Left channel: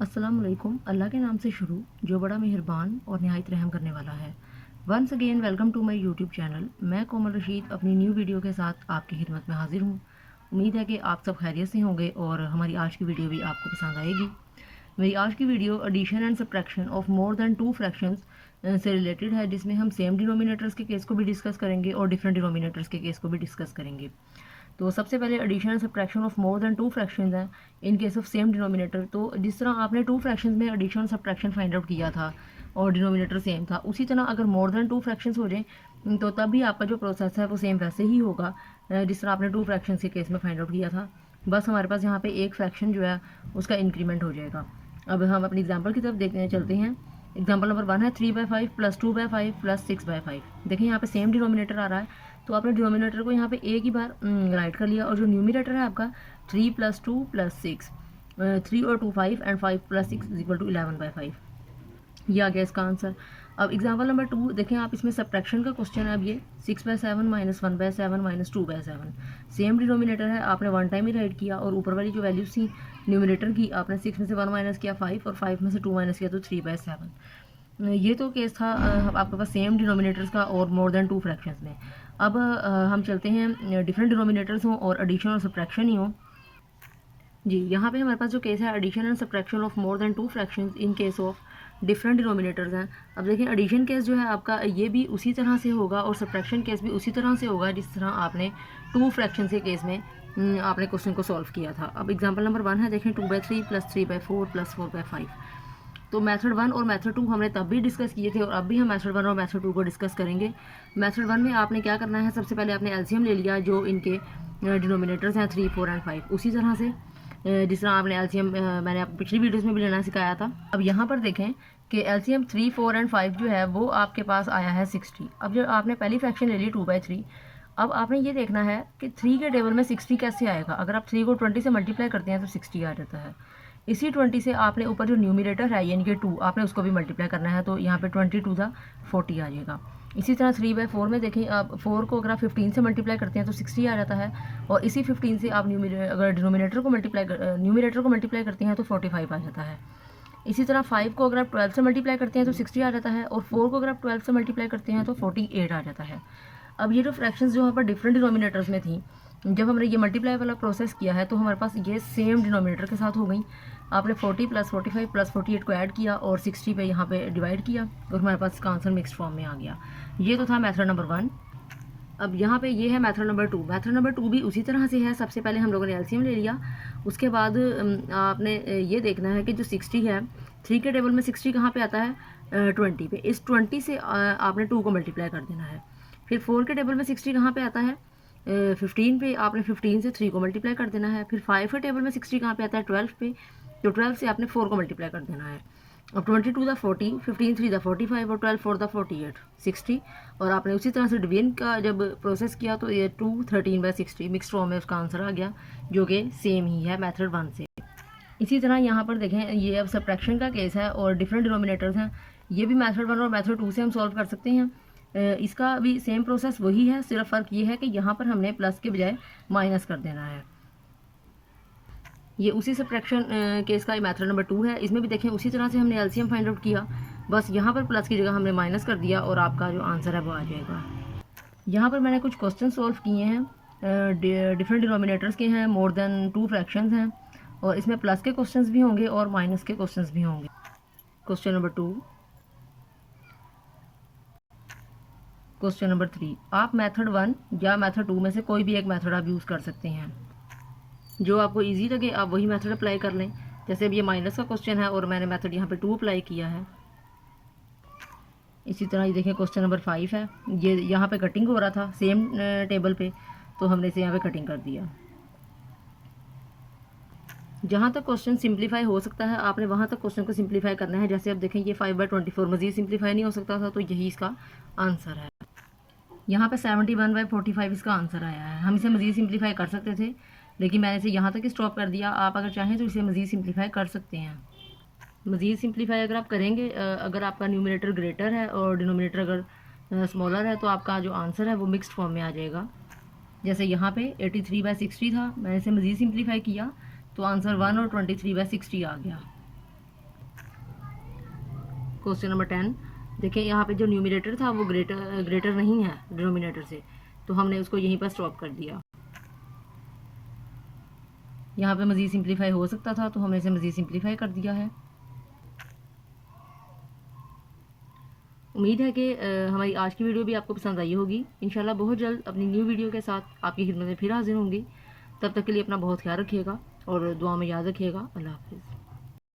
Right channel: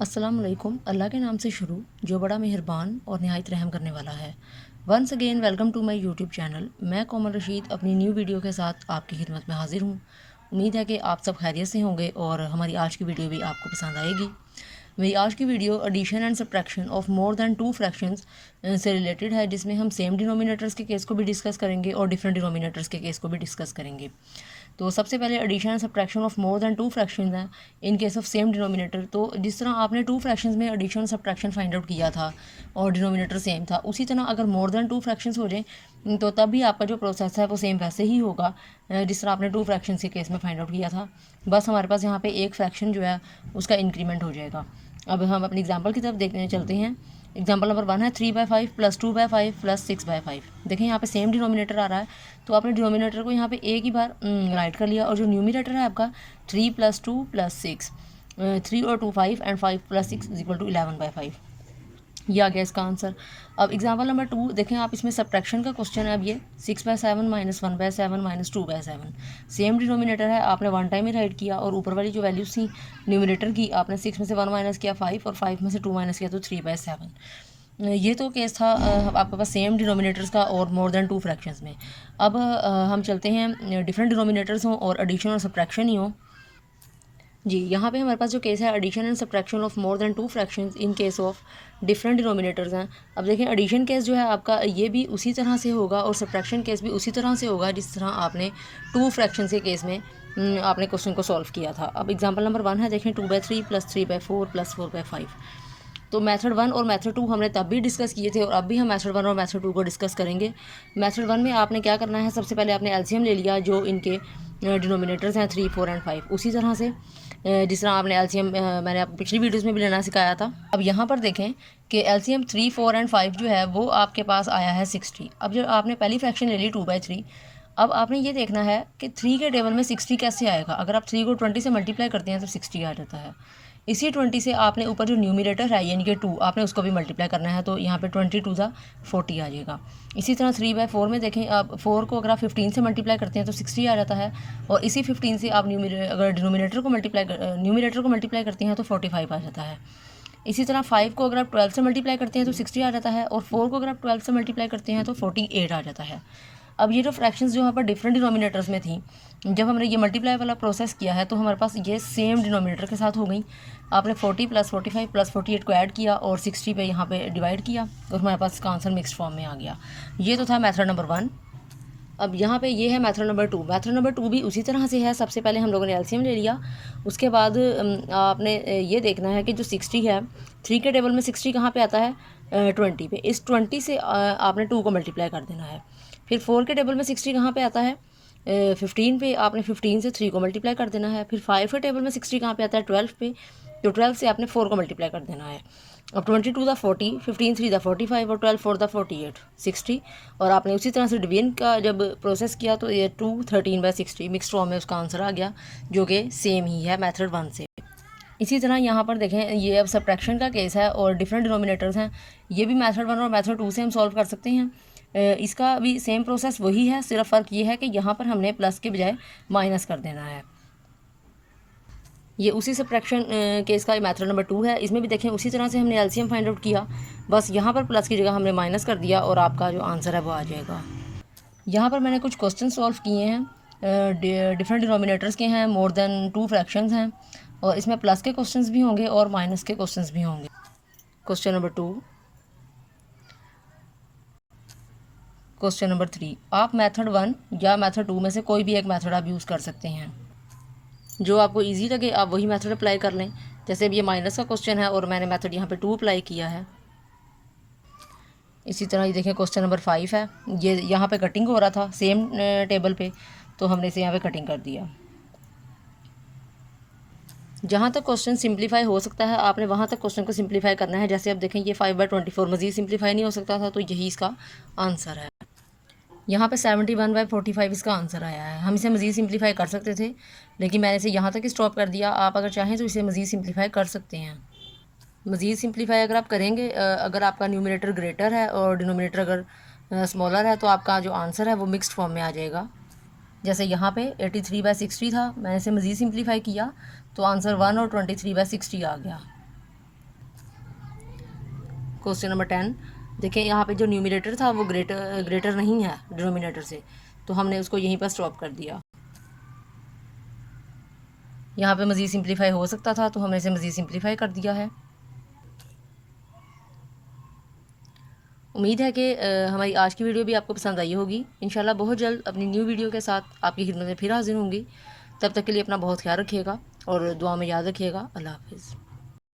अस्सलाम वालेकुम। अल्लाह के नाम से शुरू जो बड़ा मेहरबान और नहायत रहम करने वाला है। Once again welcome to my YouTube channel. मैं कोमल रशीद अपनी न्यू वीडियो के साथ आपकी खिदमत में हाजिर हूँ। उम्मीद है कि आप सब खैरियत से होंगे और हमारी आज की वीडियो भी आपको पसंद आएगी। मेरी आज की video addition and subtraction of more than two fractions से रिलेटेड है, जिसमें हम सेम डिनोमिनेटर्स के केस को भी डिस्कस करेंगे और डिफरेंट डिनोमिनेटर्स के केस को भी डिस्कस करेंगे। तो सबसे पहले addition and subtraction of more than two fractions हैं in case of same denominator. तो जिस तरह आपने टू फ्रैक्शंस में एडिशन सब्ट्रैक्शन फाइंड आउट किया था और डिनोमिनेटर सेम था, उसी तरह अगर मोर दैन टू फ्रैक्शंस हो जाए तो तब भी आपका जो प्रोसेस है वो सेम वैसे ही होगा जिस तरह आपने टू फ्रैक्शंस के केस में फाइंड आउट किया था। बस हमारे पास यहाँ पे एक फ्रैक्शन जो है उसका इंक्रीमेंट हो जाएगा। अब हम अपनी एग्जाम्पल की तरफ देखने चलते हैं। एग्जाम्पल नंबर 1 है 3/5 प्लस 2/5 प्लस 6/5। देखें यहाँ पे सेम डिनोमिनेटर आ रहा है, तो आपने डिनोमिनेटर को यहाँ पे एक ही बार राइट कर लिया और जो न्यूमिनेटर है आपका 3 + 2 + 6, 3 और 2 5 एंड 5 + 6 = 11/5। ये आ गया इसका आंसर। अब एग्जाम्पल नंबर 2 देखें आप, इसमें सब्ट्रैक्शन का क्वेश्चन है। अब ये 6/7 - 1/7 - 2/7 सेम डिनोमिनेटर है, आपने वन टाइम ही राइट किया और ऊपर वाली जो वैल्यूज थी न्यूमिनेटर की, आपने 6 में से 1 माइनस किया 5 और 5 में से 2 माइनस किया तो 3/7। ये तो केस था आपके पास सेम डिनोमिनेटर्स का और मोर देन टू फ्रैक्शंस में। अब हम चलते हैं डिफरेंट डिनोमिनेटर्स हों और एडिशन और सब्ट्रैक्शन ही हो। जी, यहाँ पे हमारे पास जो केस है addition and subtraction of more than two fractions in case of different denominators हैं। अब देखें एडिशन केस जो है आपका ये भी उसी तरह से होगा और सब्ट्रैक्शन केस भी उसी तरह से होगा जिस तरह आपने टू फ्रैक्शन के केस में आपने क्वेश्चन को सॉल्व किया था। अब एग्जाम्पल नंबर 1 है, देखें 2/3 + 3/4 + 4/5। तो मेथड 1 और मेथड 2 हमने तब भी डिस्कस किए थे और अब भी हम मेथड 1 और मेथड 2 को डिस्कस करेंगे। मेथड 1 में आपने क्या करना है, सबसे पहले आपने एलसीएम ले लिया जो इनके डिनोमिनेटर्स हैं 3, 4 एंड 5, उसी तरह से जिस तरह आपने एलसीएम मैंने पिछली वीडियोस में भी लेना सिखाया था। अब यहाँ पर देखें कि एलसीएम 3, 4 एंड 5 जो है वो आपके पास आया है 60। अब जो आपने पहली फ्रैक्शन ले ली 2/3, अब आपने ये देखना है कि 3 के टेबल में 60 कैसे आएगा। अगर आप 3 को 20 से मल्टीप्लाई करते हैं तो 60 आ जाता है। इसी 20 से आपने ऊपर जो न्यूमिनेटर है यानी कि 2, आपने उसको भी मल्टीप्लाई करना है, तो यहाँ पे 22 ज़ा 40 आ जाएगा। इसी तरह 3/4 में देखें आप, 4 को अगर आप 15 से मल्टीप्लाई करते हैं तो 60 आ जाता है और इसी 15 से आप अगर न्यूमिनेटर को मल्टीप्लाई करते हैं तो 45 आ जाता है। इसी तरह 5 को अगर आप 12 से मल्टीप्लाई करते हैं तो 60 आ जाता है और 4 को अगर आप 12 से मल्टीप्लाई करते हैं तो 48 आ जाता है। अब ये जो फ्रैक्शंस जो यहाँ पर डिफरेंट डिनोमिनेटर्स में थी, जब हमने ये मल्टीप्लाई वाला प्रोसेस किया है तो हमारे पास ये सेम डिनोमिनेटर के साथ हो गई। आपने 40 + 45 + 48 को ऐड किया और 60 पे यहाँ पे डिवाइड किया और हमारे पास इसका आंसर मिक्स्ड फॉर्म में आ गया। ये तो था मेथड नंबर 1। अब यहाँ पे ये है मेथड नंबर 2। मेथड नंबर 2 भी उसी तरह से है। सबसे पहले हम लोगों ने एलसीएम ले लिया, उसके बाद आपने ये देखना है कि जो 60 है, 3 के टेबल में 60 कहाँ पे आता है, 20 पे। इस 20 से आपने 2 को मल्टीप्लाई कर देना है। फिर 4 के टेबल में 60 कहाँ पे आता है, 15 पे। आपने 15 से 3 को मल्टीप्लाई कर देना है। फिर 5 के टेबल में 60 कहाँ पे आता है, 12 पे। तो 12 से आपने 4 को मल्टीप्लाई कर देना है। अब 22 दा 40, 15 3 दा 45 और 12 4 दा 48, 60। और आपने उसी तरह से डिवीजन का जब प्रोसेस किया तो ये 2 13/60 मिक्स फॉर्म में उसका आंसर आ गया, जो कि सेम ही है मेथड 1 से। इसी तरह यहाँ पर देखें, ये अब सब्ट्रैक्शन का केस है और डिफरेंट डिनोमिनेटर्स हैं। ये भी मेथड 1 और मेथड 2 से हम सॉल्व कर सकते हैं। इसका भी सेम प्रोसेस वही है, सिर्फ फ़र्क ये है कि यहाँ पर हमने प्लस के बजाय माइनस कर देना है। ये उसी सब्ट्रैक्शन केस का मेथड नंबर 2 है। इसमें भी देखें उसी तरह से हमने एलसीएम फाइंड आउट किया, बस यहाँ पर प्लस की जगह हमने माइनस कर दिया और आपका जो आंसर है वो आ जाएगा। यहाँ पर मैंने कुछ क्वेश्चन सॉल्व किए हैं, डिफरेंट डिनोमिनेटर्स के हैं, मोर देन टू फ्रैक्शंस हैं और इसमें प्लस के क्वेश्चंस भी होंगे और माइनस के क्वेश्चंस भी होंगे। क्वेश्चन नंबर 2, क्वेश्चन नंबर 3, आप मेथड 1 या मेथड 2 में से कोई भी एक मेथड आप यूज़ कर सकते हैं। जो आपको इजी लगे आप वही मेथड अप्लाई कर लें। जैसे अब ये माइनस का क्वेश्चन है और मैंने मेथड यहाँ पे 2 अप्लाई किया है। इसी तरह ये देखें क्वेश्चन नंबर 5 है, ये यहाँ पे कटिंग हो रहा था सेम टेबल पे, तो हमने इसे यहाँ पे कटिंग कर दिया। जहाँ तक क्वेश्चन सिंप्लीफाई हो सकता है आपने वहाँ तक क्वेश्चन को सिंप्लीफाई करना है। जैसे अब देखें ये 5/24 मज़ीद सिंप्लीफाई नहीं हो सकता था, तो यही इसका आंसर है। यहाँ पे 71/45 इसका आंसर आया है। हम इसे मज़ीद सिंप्लीफाई कर सकते थे, लेकिन मैंने इसे यहाँ तक ही स्टॉप कर दिया। आप अगर चाहें तो इसे मज़ीद सिंप्लीफाई कर सकते हैं। मज़ीद सिंप्लीफाई अगर आप करेंगे, अगर आपका न्यूमिनेटर ग्रेटर है और डिनोमिनेटर अगर स्मॉलर है, तो आपका जो आंसर है वो मिक्स्ड फॉर्म में आ जाएगा। जैसे यहाँ पे 83/60 था, मैंने इसे मज़ीद सिंप्लीफाई किया तो आंसर 1 और 23/60 आ गया। क्वेश्चन नंबर 10 देखें, यहाँ पे जो न्यूमरेटर था वो ग्रेटर नहीं है डिनोमिनेटर से, तो हमने उसको यहीं पर स्टॉप कर दिया। यहाँ पे मज़ीद सिंप्लीफाई हो सकता था तो हमने इसे मज़ीद सिंप्लीफाई कर दिया है। उम्मीद है कि हमारी आज की वीडियो भी आपको पसंद आई होगी। इंशाल्लाह बहुत जल्द अपनी न्यू वीडियो के साथ आपकी खिदमत में फिर हाजिर होंगी। तब तक के लिए अपना बहुत ख्याल रखिएगा और दुआ में याद रखिएगा। अल्लाह हाफिज़।